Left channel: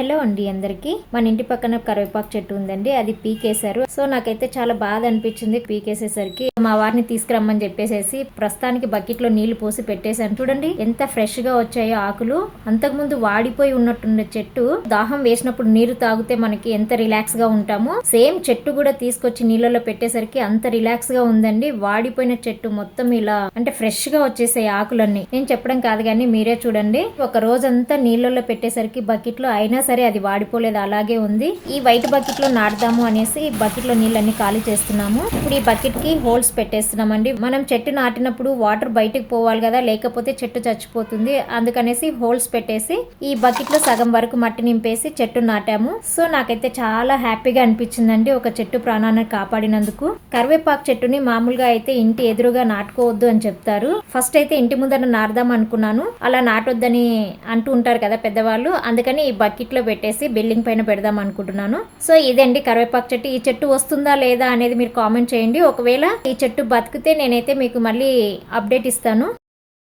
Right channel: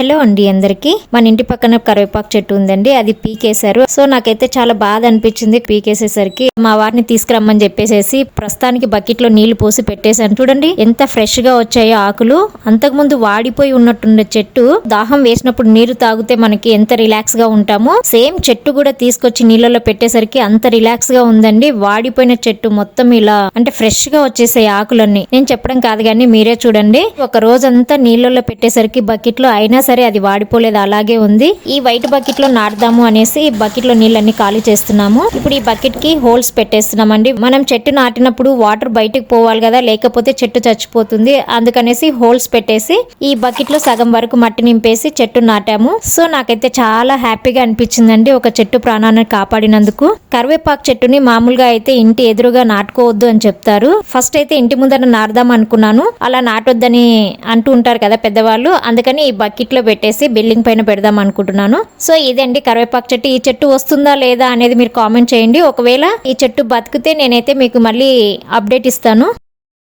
Hello అండి అందరికి. మన ఇంటి పక్కన కరివేపాకు చెట్టు ఉందండి, అది పీకేశారు. సో నాకైతే చాలా బాధ అనిపించింది పీకేసేసరికి. మా వారిని తీసుకురమ్మని చెప్పేసి ప్రస్తుతానికి బకెట్ లో నీళ్లు పోసి పెట్టేశాను. చూడండి ఎంత ఫ్రెష్ గా వచ్చాయో ఆకులు. అంతకుముందు వాడిపోయి ఉన్నట్టుండే చెట్టు, దాహం వేసినప్పుడు నీరు తాగితే మనకి ఎంత రిలాక్స్ గా ఉంటామో, సేమ్ చెట్టు కూడా తీసుకొచ్చి నీళ్ళలో పెట్టేసరికి అంత రిలాక్స్ గా ఉందండి. వాడిపోయిన చెట్టు మొత్తం ఇలా అంటే ఫ్రెష్ గా వచ్చేసాయి ఆకులన్నీ. నేను చెప్పడం కాదు కానీ మీరే చూడండి. ఒక రోజంతా నీళ్ళలో పెట్టేసరికి బకెట్ లో అయినా సరే అది వాడిపోలేదు, అలాగే ఉంది. ఈ వైట్ బకెట్ లో నాటుదాము అనేసి బకెట్ లో నీళ్ళన్ని ఖాళీ చేస్తున్నాము. ఇప్పుడు ఈ బకెట్ కి హోల్స్ పెట్టేస్తున్నామండి. మనం చెట్టు నాటినప్పుడు వాటర్ బయటకు పోవాలి కదా, లేకపోతే చెట్టు చచ్చిపోతుంది. అందుకనేసి హోల్స్ పెట్టేసి ఈ బకెట్ లో సగం వరకు మట్టి నింపేసి చెట్టు నాటాము. సో నాకైతే చాలా హ్యాపీగా అనిపించిందండి ఒక చెట్టు ప్రాణాన్ని కాపాడినందుకు. కరివేపాకు చెట్టుని మామూలుగా అయితే ఇంటి ఎదురుగా నాటుకోవద్దు అని చెప్తారు. ఫస్ట్ అయితే ఇంటి ముందర నాటుదాం అనుకున్నాను, అలా నాటొద్దని అంటూ ఉంటారు కదా పెద్దవాళ్ళు. అందుకని ఈ బకెట్ లో పెట్టేసి బిల్డింగ్ పైన పెడదాం అనుకుంటున్నాను. సో ఇదండి కరివేపాకు చెట్టు. ఈ చెట్టు వస్తుందా లేదా అనేది మీరు కామెంట్ చేయండి. ఒకవేళ ఈ చెట్టు బతికితే నేనైతే మీకు మళ్ళీ అప్డేట్ ఇస్తాను.